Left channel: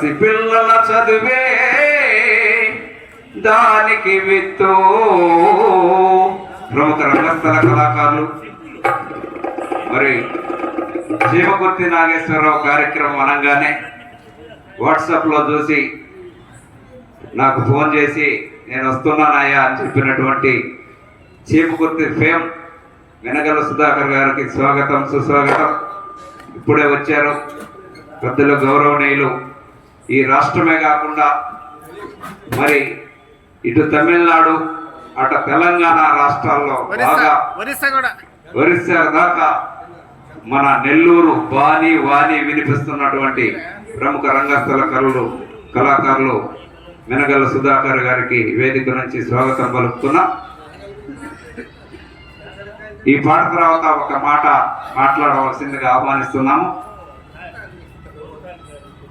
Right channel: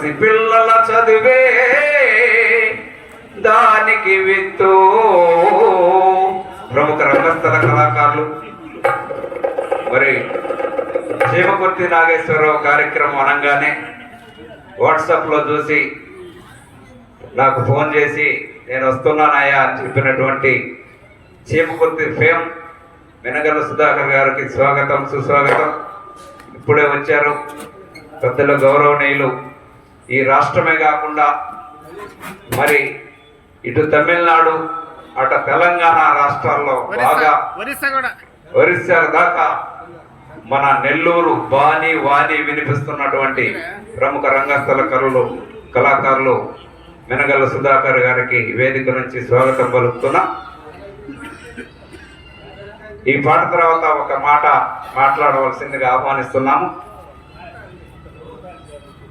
పసిపిల్లల చదివే దానికి విత్తు. ప్రముఖ రంగస్థల కళాకారులు. మరి శివమూర్తి నాగేశ్వరరావు కార్యక్రమం అనగానే వాట్సాప్లో చూసి నాకు ఫోన్ చేసి నేను వస్తున్నానయ్యా అని చెప్పినటువంటి చీమకుర్తి ఫేమ్ వెనగల సుధాకర్ గారికి స్వాగతం సుస్వాగతం. ఇప్పుడే వచ్చారు. పెద్దలు గౌరవనీయులు. ఈ రాష్ట్రమే కాకుండా మరి ఇటు తమిళనాడు అటు తెలంగాణ రాష్ట్రాల్లో ఒరిస్సా బాగా ఒరిస్సా దాకా మన నెల్లూరు బాణి వాణి వినిపిస్తున్నటువంటి ప్రముఖ రంగస్థల కళలు కళాకారులు మెనగల సుధాకర్ గారికి వేదిక నుంచి స్వాగతం పలుకుతున్నా. ఈ పాట తర్వాత ఒక మాట మాట్లాడవలసిందిగా ఆహ్వానిస్తున్నాము.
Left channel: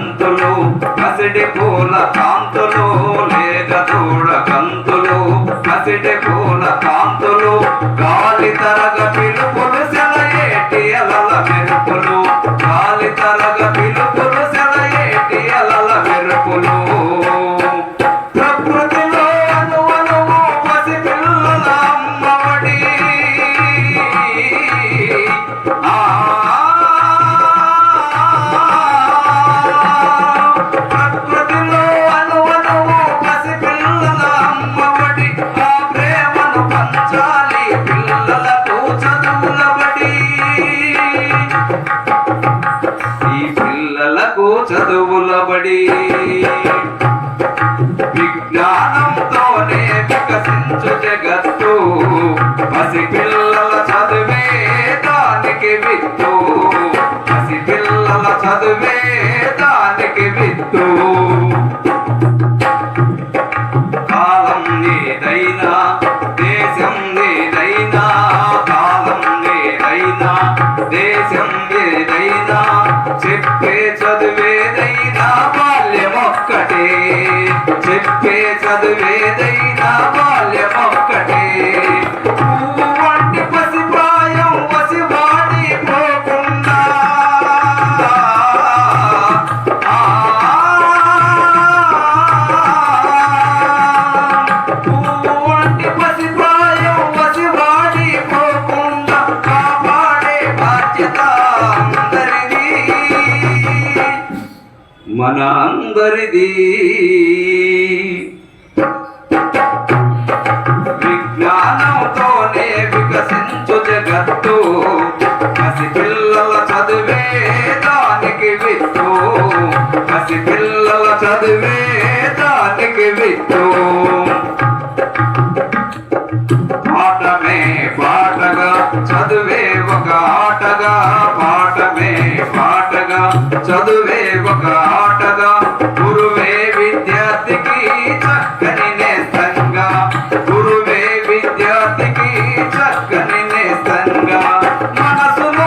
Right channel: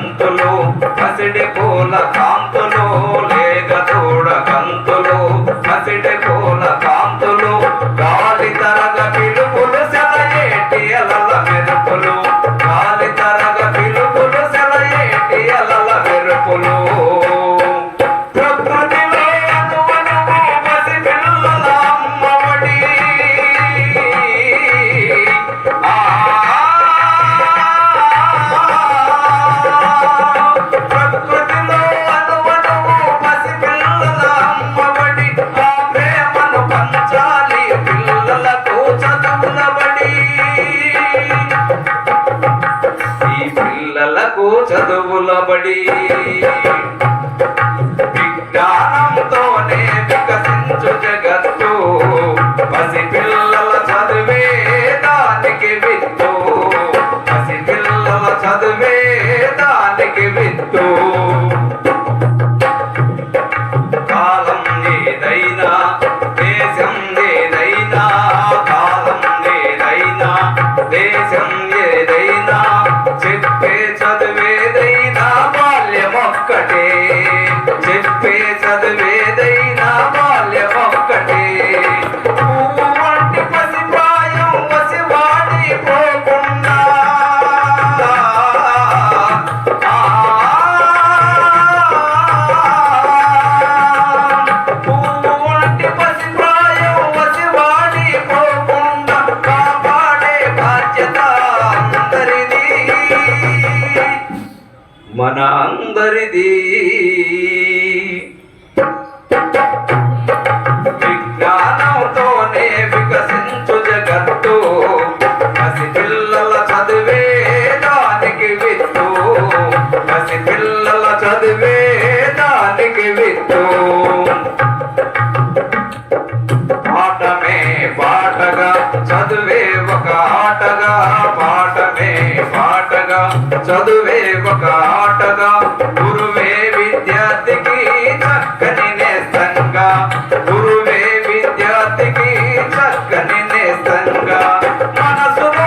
শান্ত చదువుల Música சுந்தரி ఒక గురువే విద్యార్థికి చక్కని నేస్తంగా. గురువే విద్యార్థికి చక్కని నేస్తంగా. మనసును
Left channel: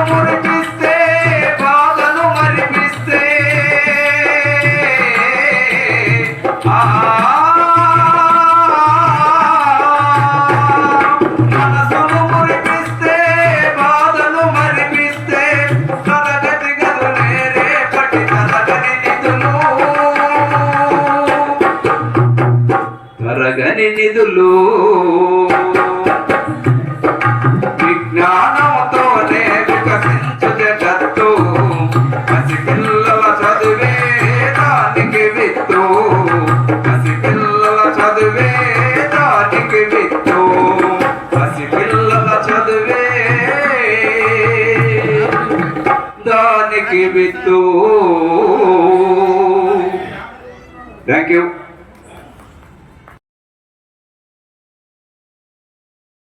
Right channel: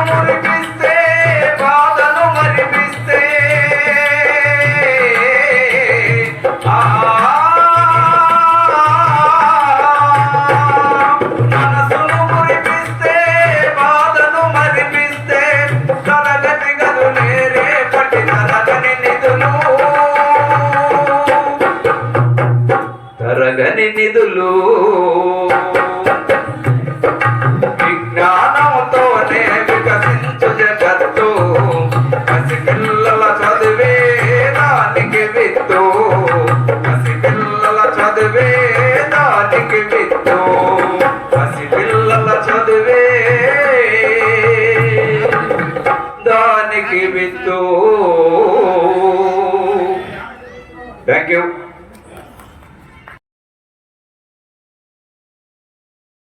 దానికి విత్తు థ్యాంక్ యూ